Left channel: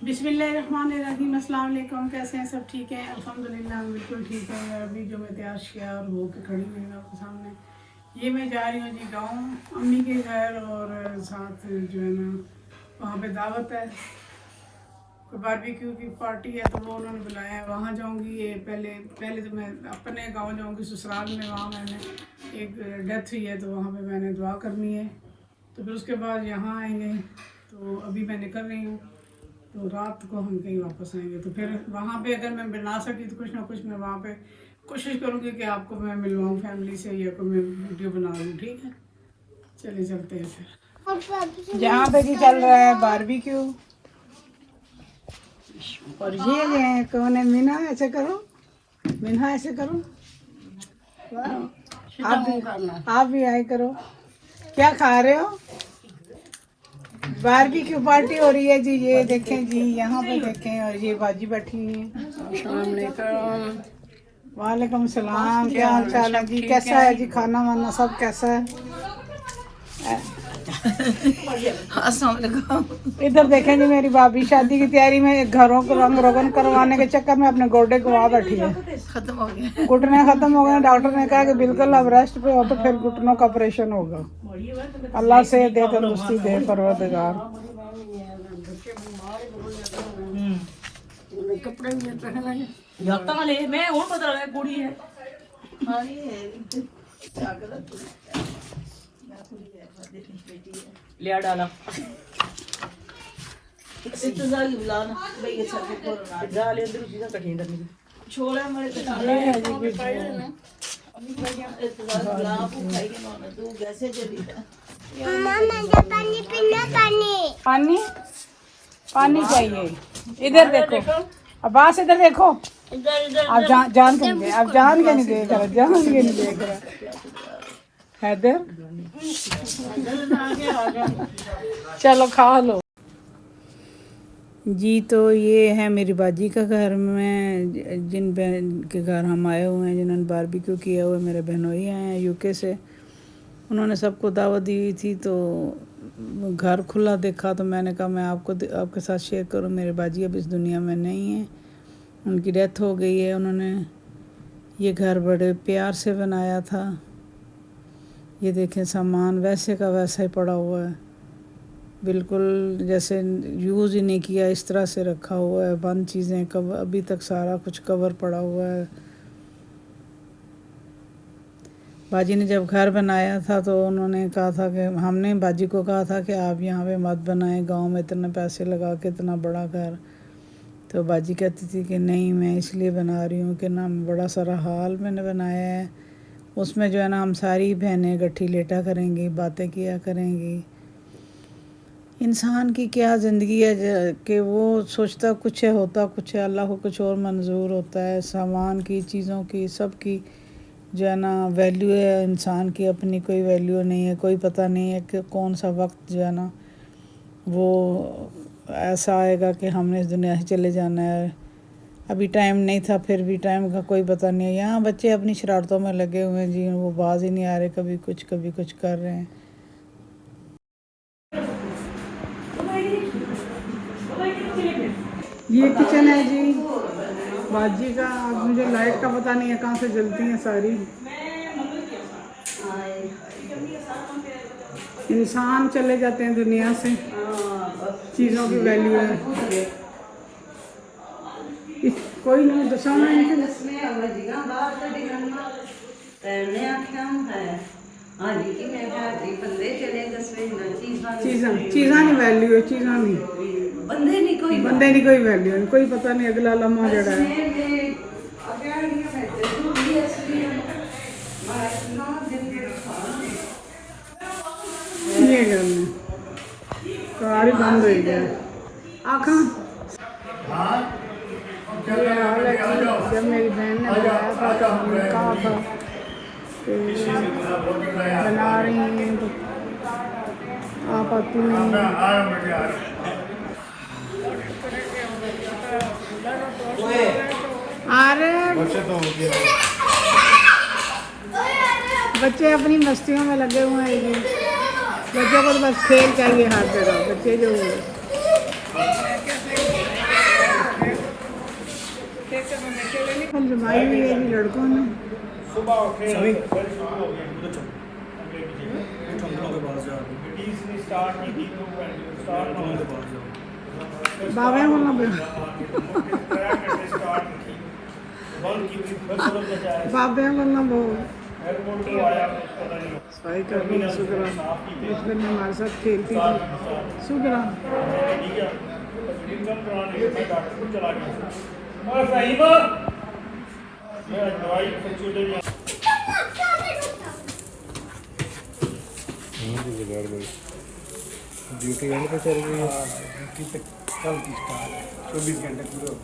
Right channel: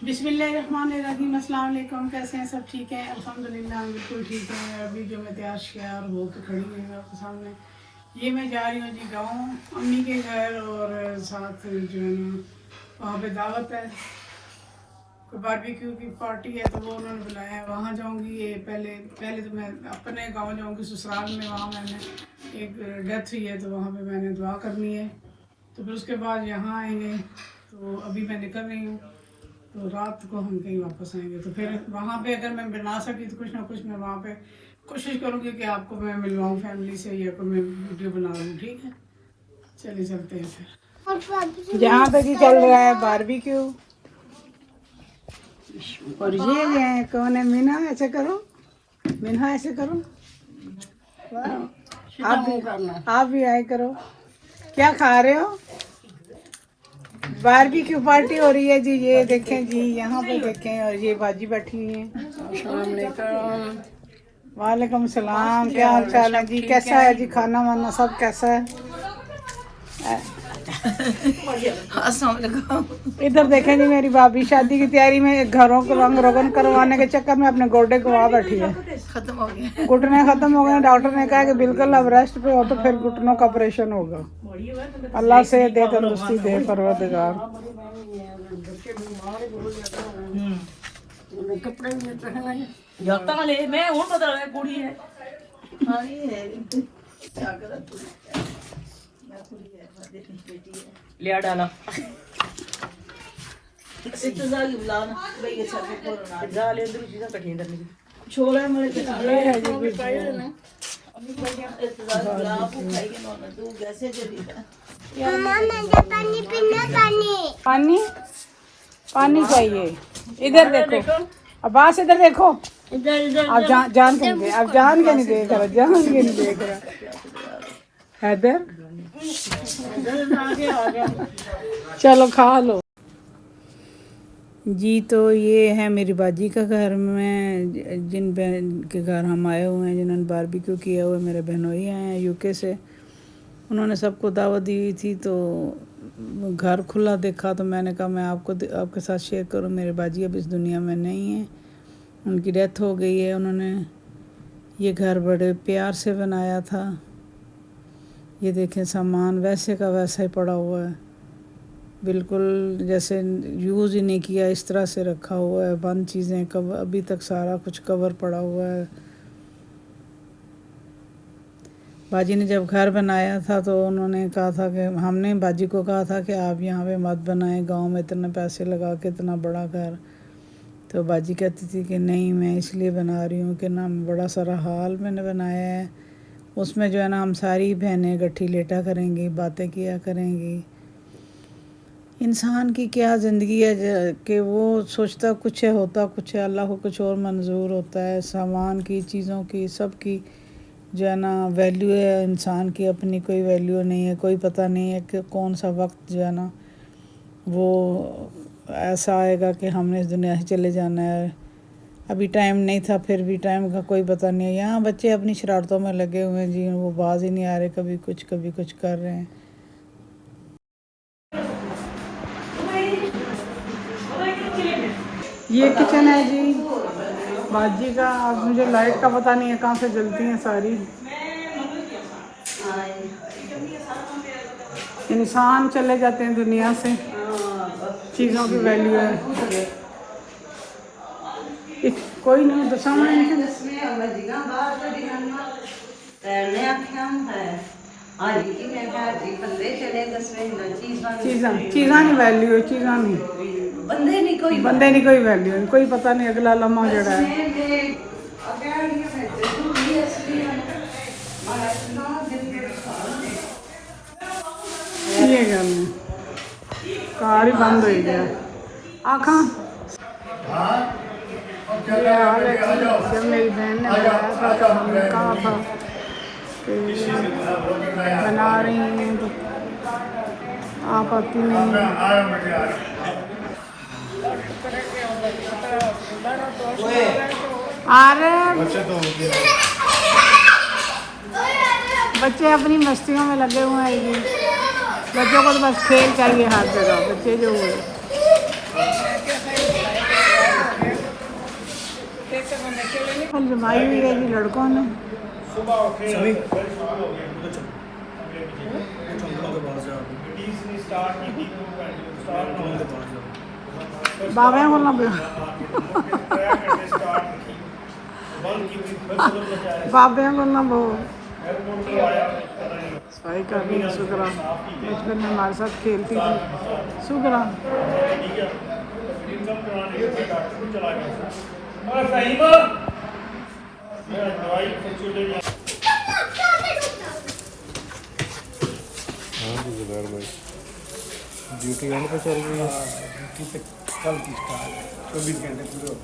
बिस्मिल्लाहिर्रहमानिर्रहीम। अस्सलाम वालेकुम। कैसे हैं सब? ठीक है अल्हम्दुलिल्लाह, बिल्कुल ठीक है। अभी जो मैं तैयार किया और हो के खड़ी हुई हूँ आपके सामने। ये मैं जा रही हूँ जी गाँव अम्मी के घर, और साथ जो है ना वहाँ पे दावत है, कोई बारबेक्यू की पार्टी है, तो वो उन्होंने बुलाया है, वहाँ जाऊँगी। ये पहले पहले तो मैं अपने गाँव जाऊँगी ससुराल में, वहाँ मैंने एक डेथ हुई है तो वहाँ पे मैंने दुआ करनी है। तो फिर उसके बाद यहाँ आएंगे, तो अभी मैं निकल रही हूँ, तो रात को हम कहीं वापस आएंगे। तो फिर वहाँ पे अगर मैं बना सकी तो कुछ ना कुछ मैं वहाँ पे कोशिश करूँगी कि आपको मैं मिलवाऊँ फैमिली से, या कोई मैं वीडियो बना लूँ। ठीक है, चलिए चलते हैं फिर। जहाँ पे जी चल रहा है बारबेक्यू, और ये कौन है? मीना, ऐसे करो, मीना ऐसे करो, आप भी आए करो। क्या खा रहे हो? बारबेक्यू पार्टी हो रही है जी। ये देखें जी, यहाँ पे देखें, और ये बाजी बैठी हुई है। अस्सलाम वालेकुम। वालेकुम सलाम। क्या हाल चाल है जी? कैसा है जी खाना वाना सब कैसा है? इधर देखें जी, मेरी भाभी शादी की तैयारी में घरों को रंग रोगन करवाने के चक्कर में अपने गोडे को वहाँ बैठी है। खत्म हो गया, घुटने खत्म हो गए। डॉक्टर ने कहा कि बिल्कुल अब रेस्ट पे हो, तो फिर घुटनों का ऑपरेशन होगा। अल्लाह से दे तंदुरुस्ती दे परवरदिगार। कपड़े भी पहन जाता ले, मैं हूं बता रहा कुड़ी है लिया डाला छोड़ा पानी पानी चाहिए। इधर देखो, अब्बास इधर देखो, आप जान के नहीं दे, आप जान के नहीं देख रहा, जान के नहीं देख रहा। हैदर चलो खा लो जी। तो ये है मेरी बाजी का घर में, जिन बहन के घर हम आए हुए हैं, जिन्होंने बारबेक्यू किया हुआ है। मेरे बहनोई आए हैं यूके से, उन्होंने सबको दावत दी हुई थी, तो घर खुला देखा तो मैंने कहा मैं आपके साथ शेयर करूं। मेरे बाजी अब इस दुनिया में नहीं है, उनकी डेथ हो गई है। उन्होंने ये घर बड़े प्यार से बनाया था। ये देखें, सामान वैसे का वैसा ही पड़ा हुआ है, बिल्कुल जैसे यूज़ ही नहीं किया, इस तरह से रखा हुआ है। बंद चीज़ें कवर, अभी तक सारा कुछ कवर पड़ा हुआ है। बाजी ने जब घर बनाया था तो उन्होंने कहा था कि हमने बाजी को कहा था कि आप यहाँ पे मत बनाएं, गांव में इतने पैसे लगा के इतना बड़ा घर। तो बाजी कहती थी कि नहीं, मैं इसलिए बना रही हूँ कि ना बड़ा सारा हॉल मैंने बनाया है, उसमें जो है ना हम सारी बहनें इकट्ठी लेटा करेंगी, बातें किया करेंगी। इंसान की क्या ज़िंदगी है कि वो सोचता कुछ है, होता कुछ है, अल्लाह को कुछ और मंजूर होता है। सामान की, चीज़ों की, सब की जो है ना वैल्यू है। इंसान की अपनी कोई वैल्यू नहीं है, कोई पता नहीं है कि कौन सा वक्त जो है ना वो ऐसा आएगा कि हमने इस दुनिया से चले जाना है। अभी टाइम नहीं था, फिर भी टाइम का कोई पता नहीं है। यहाँ बच्चे अपनी शरारतों में लगे हुए हैं जी, वो बाज ही नहीं आ रहे, कभी कुछ कर रहे हैं। ये किचन है जी बाजी का। अब मुझे लाइट का पता नहीं है कहाँ से जलती हैं सारी। इंसान चले जाते हैं दुनिया से, चीज़ों की वैल्यू है। कोई नहीं दसा चीज़ा नहीं वैल्यू है, चीज़ा नहीं, बंदे की कोई वैल्यू नहीं, कोई पता नहीं अगला लम्हा जड़ा है। ये गल है, कार ही बंद हो गया आखा। जब मेरी बहन ने बनाया था बना रही हैं, तो आप आती नहीं। अरे बच्चे अपनी मस्तियों में लगे हुए हैं जी। बच्चों को तो बस खेल चाहिए हर जगह। बच्चे जो जमाई हुई है कि लड़कों ने? बाबा बोलना बाबा बोलना सफाई कर रही है शुक्रा। बचपन में हमारे साथ खेलती थी शुक्रा। ड्यूटी एंड पे चल रही है, ड्यूटी पे कल की स्टार्ट है 24 घंटे पूरे।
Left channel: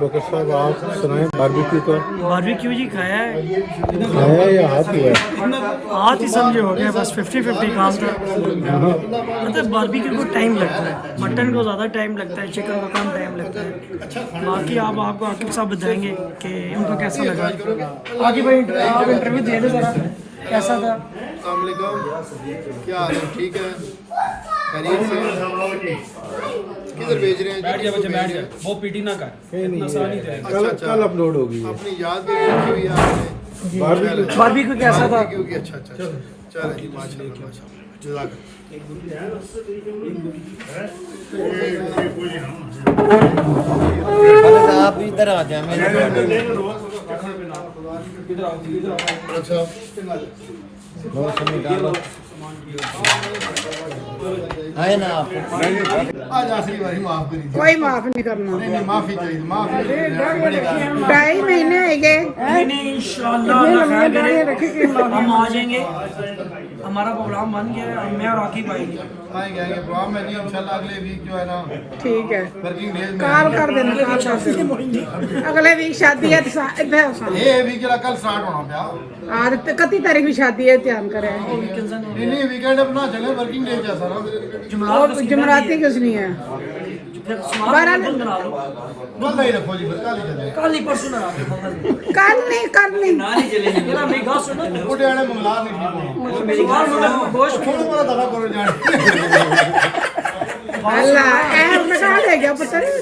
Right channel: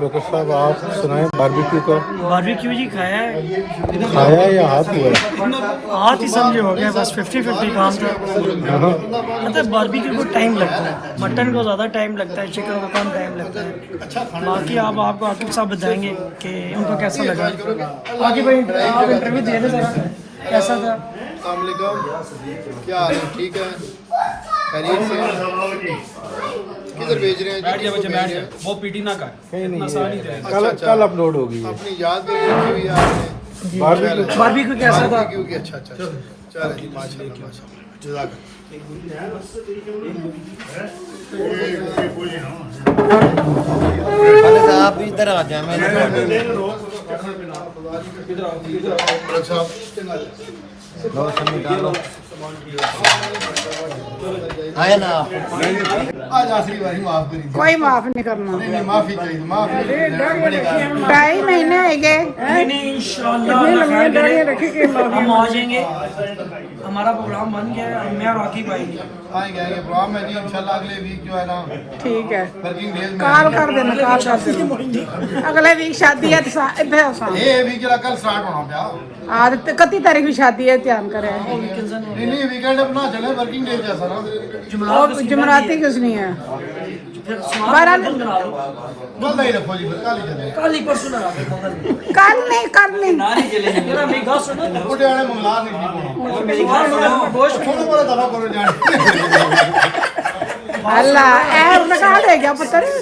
बकर साहब आप सुनाएं बारबेक्यू का। बारबेक्यू जी खाया है, खाया या हाथ हुआ है? हाथ ही समझे हो गया, बस 50-50 काम था। मतलब बारबेक्यू को टाइम लगता है, मटन को ज़्यादा टाइम लगता है, चिकन को कम टाइम लगता है। बाकी आपको आकिब साहब बताएंगे कि उनको कैसा लगा। आकिब भाई आप इंटरव्यू दे दो ज़रा, कैसा था? क्या हाल है? ठीक है, खैरियत से? किधर भेज रहे हैं जी? वो पीटी ना कर, कहीं नहीं आसान ही है, चलेगा। कल अपलोड होगी। अपनी याद के लिए रखी हुई है आपने। बारबेक्यू कैसा था? बारबेक्यू की अच्छा चलो जी, माशाल्लाह माशाल्लाह, जज़ाकल्लाह। आप इधर आ जाए, आया ना आज आखिरी बारी माफ करिए। कोई माफ नहीं करना। नहीं माफी चाहिए, माफी बड़ी बात। 2.5 महीने आएंगे। इंशाअल्लाह अल्लाह खैर करे, हम आ जाएंगे। हमारा प्रोग्राम बन गया है, मैं और आकिब आएंगे। आएंगे प्रोग्राम में जी इंशाल्लाह अगले वीक जो है ना ठीक है, वर्किंग डेज में कॉल कर देना, कॉल कर देना। अगले वीक शादी है तो ये वीक जरा कल स्टार्ट होना पिया। आज 31 तारीख की शादी है, ध्यान करें। नहीं वीकेंड अपना चले, वर्किंग डे जैसा ना। जुमराती कुछ नहीं है। बंदा ही रखो जी, फिर कल ही चले। कल ही परसों ना कल नहीं, कल नहीं। नाली चलेंगे। मेरा मेरी बात सुनो, छोटे वाले मंगला नहीं ठीक होना। मेरी बात सुनो, गोश्त छोटे वाला दवा करो जाने। अल्लाह ऐप तक आ गया, पता नहीं।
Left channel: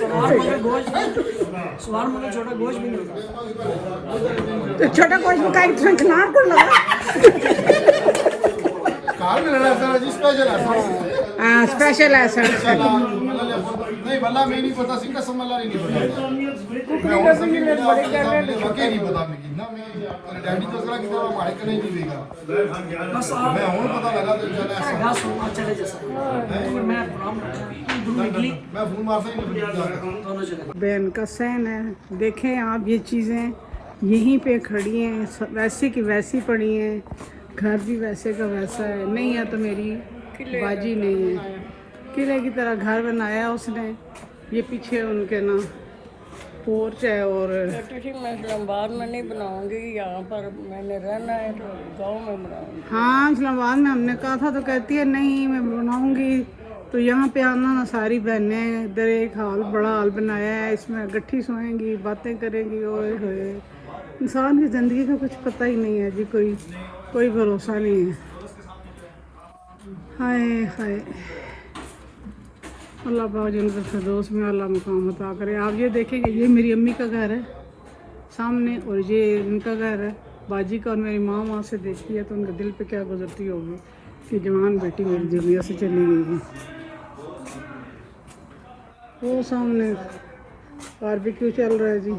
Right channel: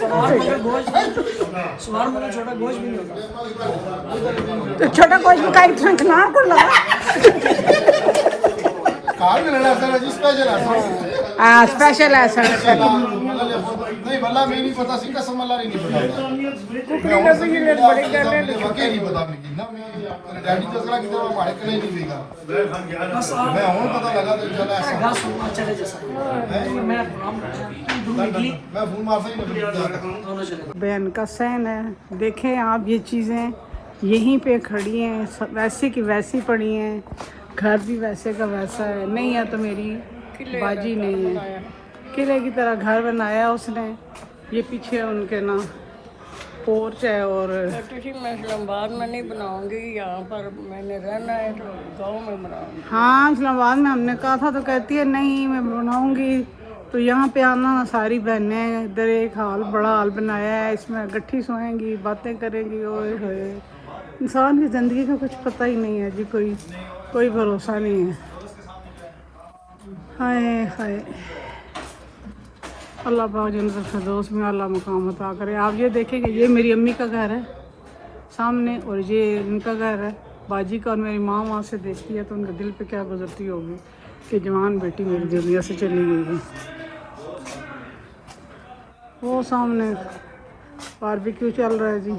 सवार में छोटा गोश्त भी नहीं होता। तो छोटा कोई का इतना खिलाड़ को लगा। कार में रहना सर जी, स्पेशल है। हाँ स्पेशल है सर। नहीं वल्ला मैं नहीं पता, सिक्का समल्ला नहीं पता। मैं और सभी मेरे मिले वाकई नहीं पता लेकिन ना मैं डैडी तो सरा की तरह हमारे कने नहीं देगा। मैं और पता लगा तो चला ऐसा। गास होना चले जैसा मैं काम मैं फोन मारता ही नहीं दोनों चले। बहन का सहन है। देखें आप, ये चीज़ें यहीं पे खड़ी हैं, वैसे की वैसी पड़ी हैं। घर भी वैसे का वैसा है। नहीं है तो मेरी बाजी नहीं है। किले की तरह घर बनाया उसने। ये पीछे उनके ना पोर्च है। और मैं इस्लामाबाद में नहीं बनाऊंगी, यहाँ पर मैंने रहना है तो गाँव में बनाऊंगी। हाँ इस्लामाबाद में हमने कहा था तो कहती है नहीं मैं बनाऊंगी। तो यहाँ पे आना ना, सारी बहनें इधर एक हाल बड़ा हाल बनाया है, इसमें गट्ठी सोएंगी, बातें करेंगी। ओए होए, इंसान की ज़िंदगी का कुछ पता ही नहीं है जी, कोई भरोसा नहीं है। हाय हाय, अल्लाह पाक जन्नत फिरदौस में अल्लाह मकाम अता करे। आप ये देखेंगे, ये मेरी अम्मी का घर है सामने और ये इनका घर है बाजी का। और मेरी माँ वहाँ से देखती है तो उनके दिल पे क्या गुजरती होगी कि जवान बेटी मेरी दुनिया से चली गई है। वो सामने बारबेक्यू चल रहा है जी।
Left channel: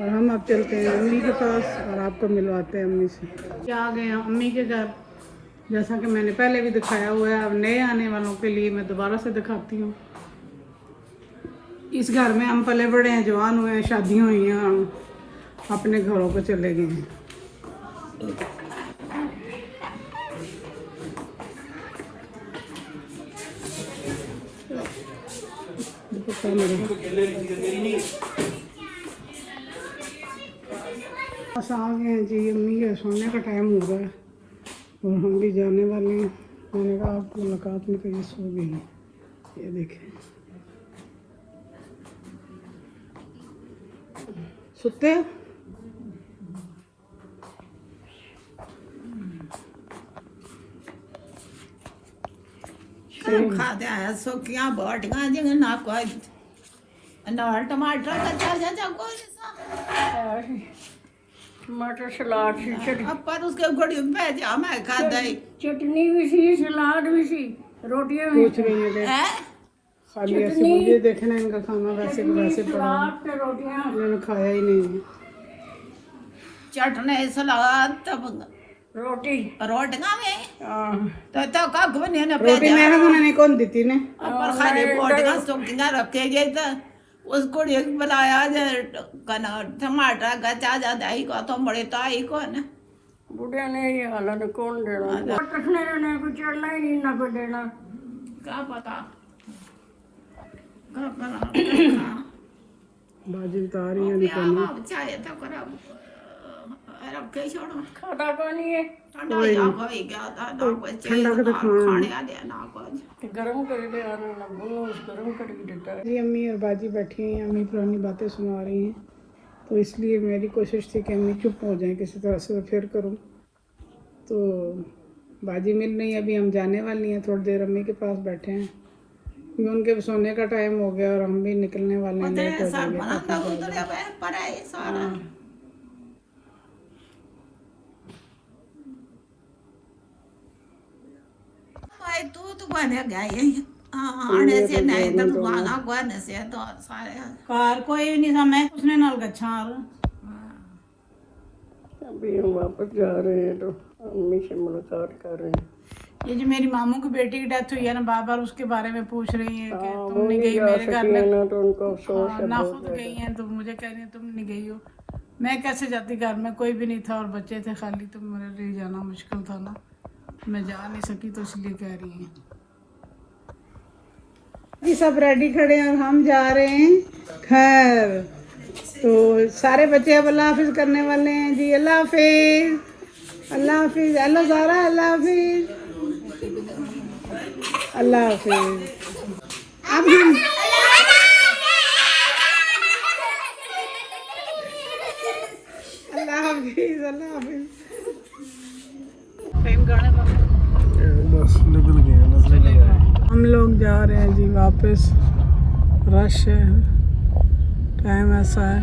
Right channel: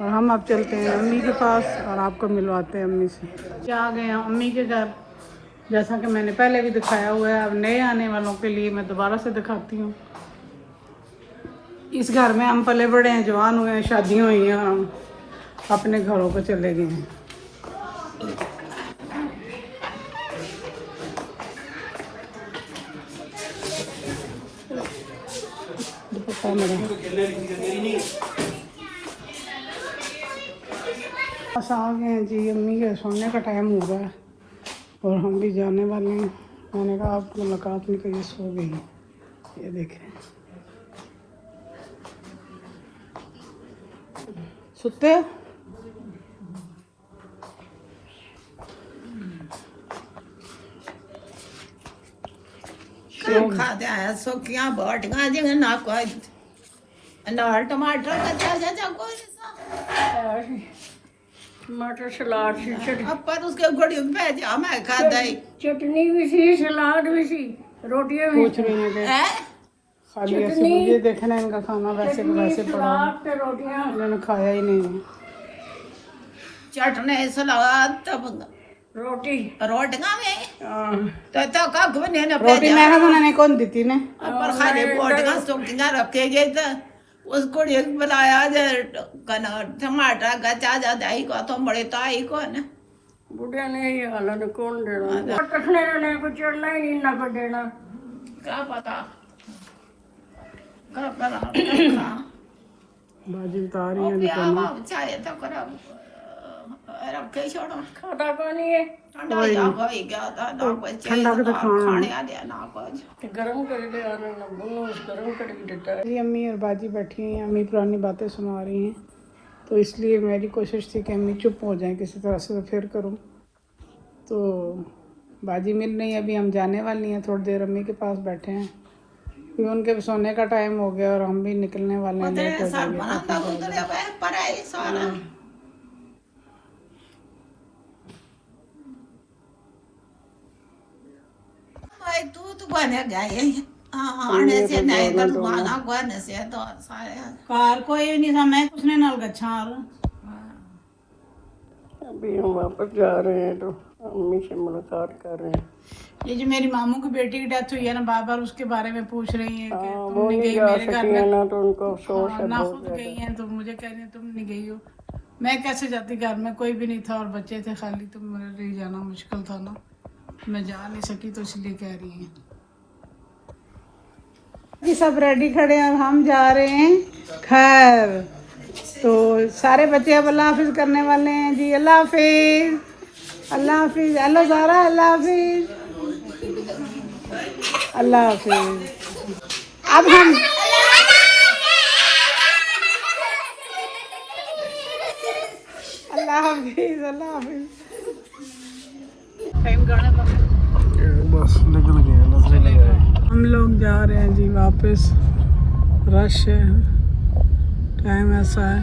और हम अब चलते हैं अम्मी के पास और आपको मिलवाते हैं अम्मी से। क्या आ गए हैं अम्मी के घर, जैसा कि मैंने पहले भी दिखाया हुआ है। अब नए आने वालों के लिए मैं दोबारा से दिखाती हूँ। इस घर में हम पले बड़े हैं, जवान हुए हैं, शादियाँ हुई हैं, हम अपने घरों को चले गए हैं। मेरा बस आ गए हैं जी। अम्मी के सोने का टाइम हो गया और हम भी जाने वाले हैं। मैंने कहा आप मुलाकात नहीं करिए, सो गई। ये देखें सुते हो? खाते हैं सुखियां बोटियां जिन्हें ना कोई अनार टमाटर अच्छा कोई टमाटर सलाद सी पर उसके घड़ी में भेजा मैं खाता ही चटनी भी सी सलाद भी सी रोटियां भी पूछ रही हैं कि खाली ऐसे मुझे देखना इनका खाना वैसे को वैसे पड़ा है। सलाद ते रोटियां इन्होंने खाया ही नहीं है। चटनी सलाद तब रोटी रोटियां में हाँ। तो कख भी नहीं रोटी मैं बनाने कौन दी थी ने? पर खाली बोटियां सुखियां रखे गए तो उसको एक बनाया जाए कना टमाटर का चाचा दाई को तो बड़े ताई को ना बुढ़िया ने ये हालत कौन देना रखने ने कुछ चढ़ना ही नहीं ना को देना क्या पता कर करा बाजी बता रही है पिया बाप चाहे तो कर रखे छोड़ो खाता पानी है ठंडा या कोई क्या था ना कोई ठंडा के तो खाने आ दे ना कुछ गरम कर दे यार ना बोलो गरम कर देता है। मेरी अम्मी और बाजी बैठी हैं। अम्मी पुरानी बातें सुना रही हैं, तो इसलिए मेरी कोशिश थी कि अम्मी चुप हो जाए किसी तरह से, तो फिर करूं। तो बाजी मिल रही है, अभी हम जाने वाली हैं। थोड़ी देर अम्मी के पास बैठे हैं क्योंकि उनके सोने का टाइम हो गया और हम भी निकलने वाले हैं। लेट हो सर जाएंगे। बनाता उधर पर आई सारा भाई तू बने गए आने से नहीं तो तुम्हारा गने से तो सारे कार कोई नहीं था, मैं कुछ नाल गच्छाल। अभी हम वापस जा रहे हैं तो अम्मी से मुलाकात कर रहे हैं। ये जो मेरी मामू की बेटी की डेथ हुई है ना, बार बार उसके बारे में पूछ रही है कि तुम वो नहीं नहीं गई जा मेरे घर सकी में। है ना तो उनको अफसोस है ना बहुत खुद गई हैं तो मुझे कह रही हैं तुम नहीं गई हो। मैं कैसे जाती, घर में कोई भी नहीं था और बच्चे थे खाली, तो मेरे लिए जाना मुश्किल था ना, मैं जा नहीं सकी तो इसलिए कह रही हैं। जी सब रेडी खड़े हैं, अब हम जा रहे हैं खैर। तो सारे बच्चे अब अल्लाह हाफिज करने वाले हैं जी। अल्लाह हाफिज, अल्लाह हाफिज, हेलो सारा, अल्लाह हाफिज, अल्लाह हाफिज। अब हम अल्लाह हाफिज, अल्लाह हाफिज। हम लोग जा रहे हैं जी वापस। रश है, टाइम ऐसा है।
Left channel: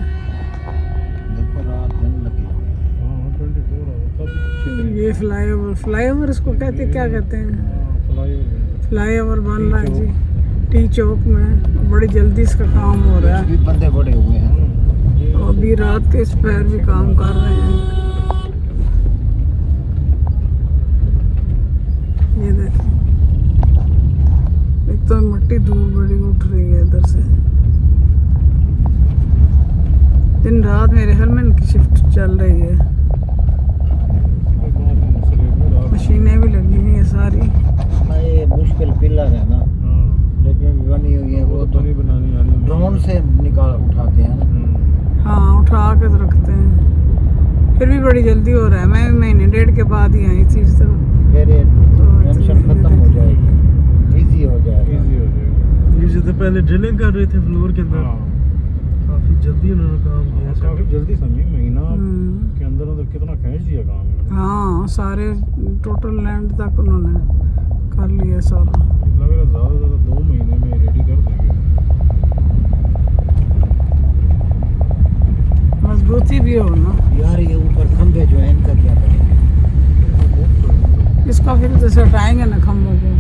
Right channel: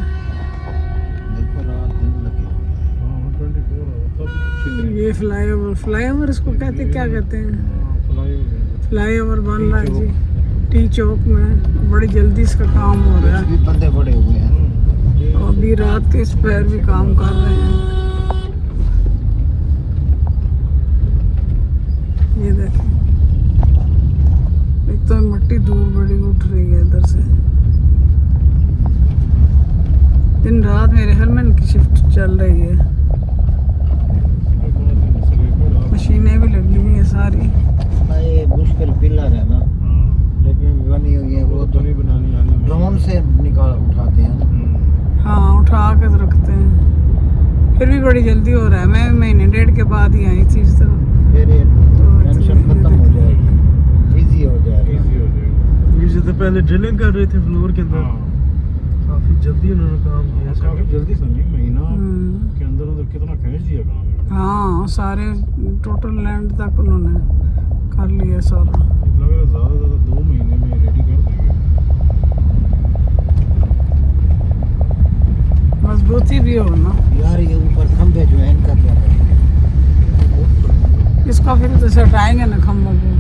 ये फ्लाईओवर इसको कहते क्या कहते हैं? फ्लाईओवर बन रहा है जी टी चौक में। बड़ी जल्दी इसका काम हो रहा है। बंदे बड़े हुए हैं। अभी रात के इस पैर भी काम कर रहे हैं। ये देखें, एक तो मिट्टी धूल बड़ी उठ रही है इधर से। दिन रात मेरे ख्याल में इनकी शिफ्ट चल रही है। मशीनें भी लगी हुई है सारी। ये मुश्किल पिलर है ना, लेकिन बनी हुई है वो तो नहीं बनानी, ड्रोन से निकाल उठाते हैं। हाँ उठा के तो रखते हैं। फिर भी बड़ी जल्दी हो रहा है। मैं महीने डेढ़ के बाद ही आई थी इस तरफ। फिर ये टेंशन खत्म हो जाएगी, इजी हो जाएगा। ये तो पहले ड्रिलिंग कर रहे थे फ्लोर के अंदर, काफी जल्दी उन्होंने काम किया। काफी जल्दी समझे, महीना के अंदर अंदर कितना खींच दिया काम। हाँ सारे टोटल लैंड तक उन्होंने कर लिया सारा। ज़्यादा 2 महीने में रेडी कर देंगे। मजबूती भी हो ना यार ये ऊपर खंभे जो है इनका क्या करेंगे? इसका, फिर तो हटाएंगे ना खम्भों को।